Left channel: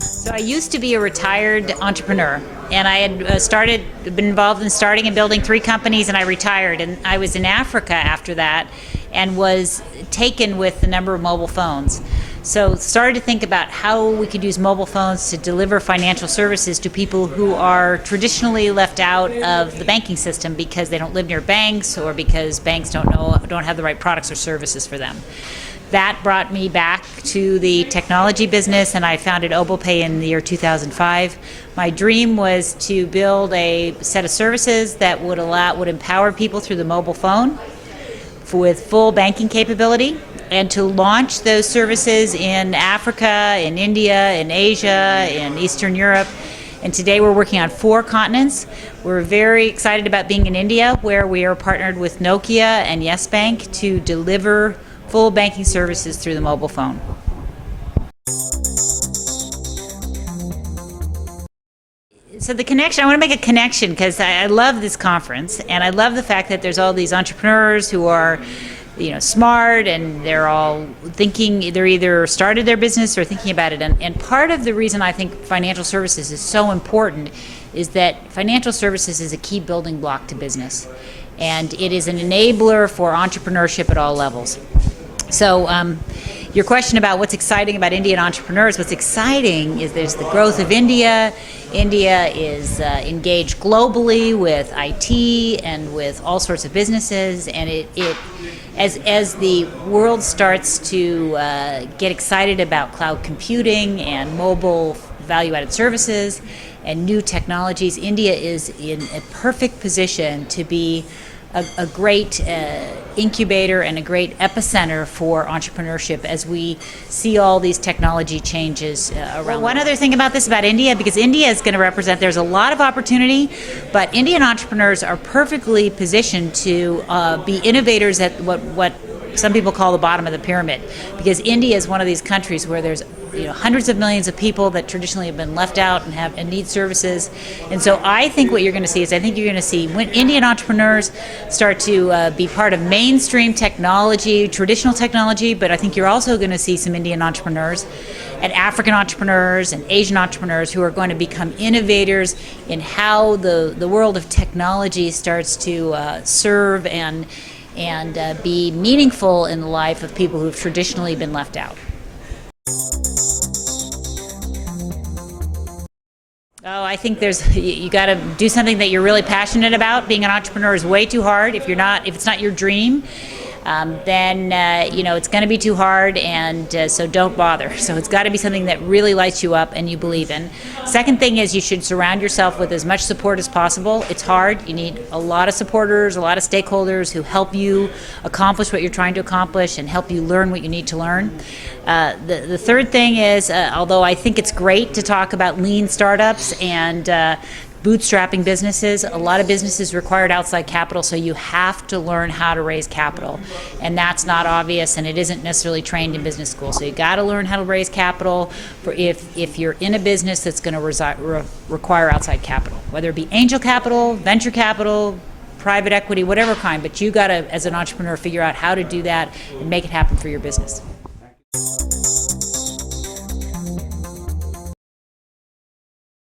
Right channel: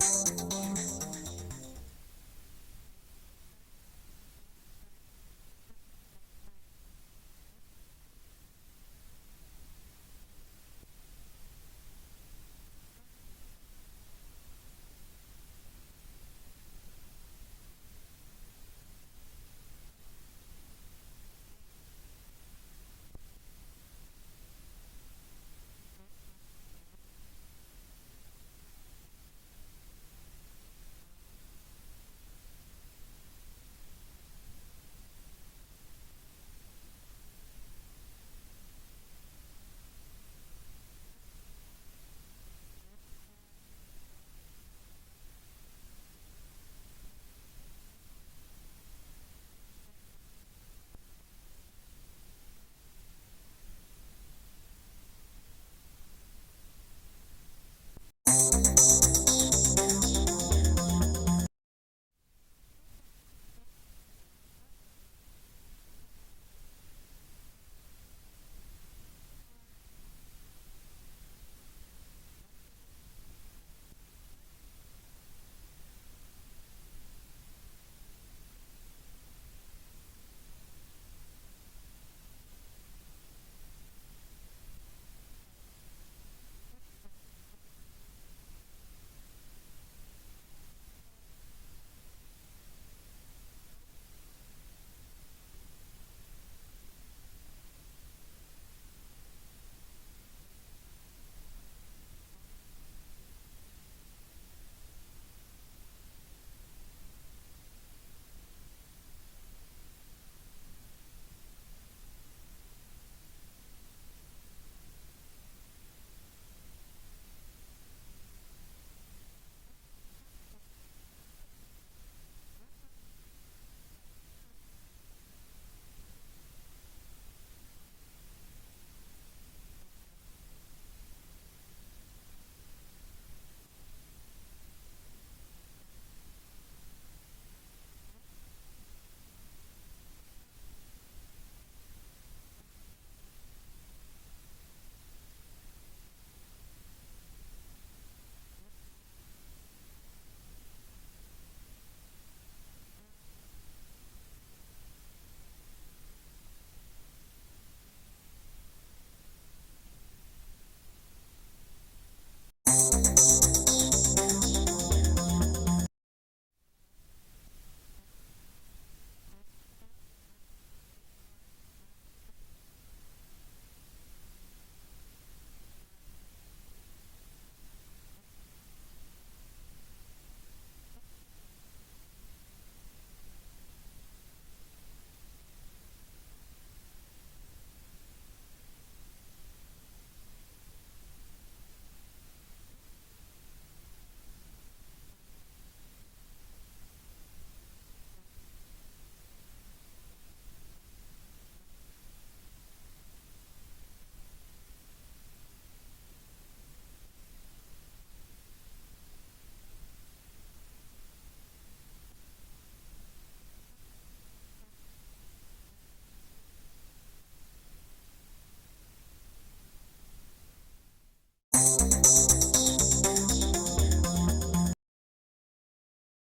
So I used to be a retired entrepreneur, and I had been involved in starting and building 3 companies, and I retired. And I was in Africa after that, and was taken with the number of mobile phones. So started to think about how we could use mobile phones to deliver financial services to people who are traditionally left out of the banking system because they don't live near banks, or because banks don't have the right products or services for them. That brought me back to the technology business, and I founded Obopay in the year 2005. My dream was to build a set of services that would empower people through the mobile phone with full banking capability, and to launch those services in Africa, in India, in Asia, in Eastern Europe. And today we're working on 4 continents. We're very excited about being in India, where we are partnered with Nokia and Yes Bank to deliver full banking services through the mobile phone. So the connection, I want to make a connection because I love this conference, and I love the fact that there's all these entrepreneurs who are, smart, and they're all thinking, they're either started their business or thinking about it. And part of the reason I think financial services is so important is that financial services is a key building block to business, and it is an enabler for entrepreneurship at all levels. So your question about what's exciting about Indian entrepreneurs, what's exciting is there's the growth of India. India is engaged globally with IT and with all sorts of businesses, and as the world starts to get excited about cloud computing and mobile value-added services and new technologies, India is in a perfect position to be a great incubator and a great epicenter for entrepreneurship as we see all these technology changes around. One other thing about India, because India is going to represent, there's a lot of opportunity, but Indian entrepreneurs are perfectly positioned to be innovators at what some people call the bottom of the pyramid, because India is one of these countries where there's hundreds of millions of people that traditionally have been left out and need services. And so I think what you're going to see is, when Indian entrepreneurs start to be part of mainstream technology, traditional technology, but I think you're also going to see some Indian entrepreneurs and African entrepreneurs and Asian entrepreneurs who are going to become innovators in how the world of technology starts to serve and be meaningful in the life of people who've traditionally been left out. Oh, I think you got to do something that you're really passionate about. Being an entrepreneur is way too hard. If it's not your dream, then it's going to be too hard, and so don't bother. So it's got to be something that really lights you up and you believe in. Second thing is, you should surround yourself with as much support as possible. It's hard. You need a lot of supporters, a lot of stakeholders who help you accomplish what you're trying to accomplish and help you learn what you need to learn. The third thing is, although I think it's great to talk about lean startups and bootstrapping businesses, a lot of businesses required outside capital, so you have to learn how to raise capital, and that's not obvious, and it isn't necessarily trained in business school. So you got to learn how to raise capital for if you're in a business that's going to require outside capital, whether it be angel capital, venture capital, private equity, whatever kind. But you got to, as an entrepreneur, figure out how to do that and make it happen for your business.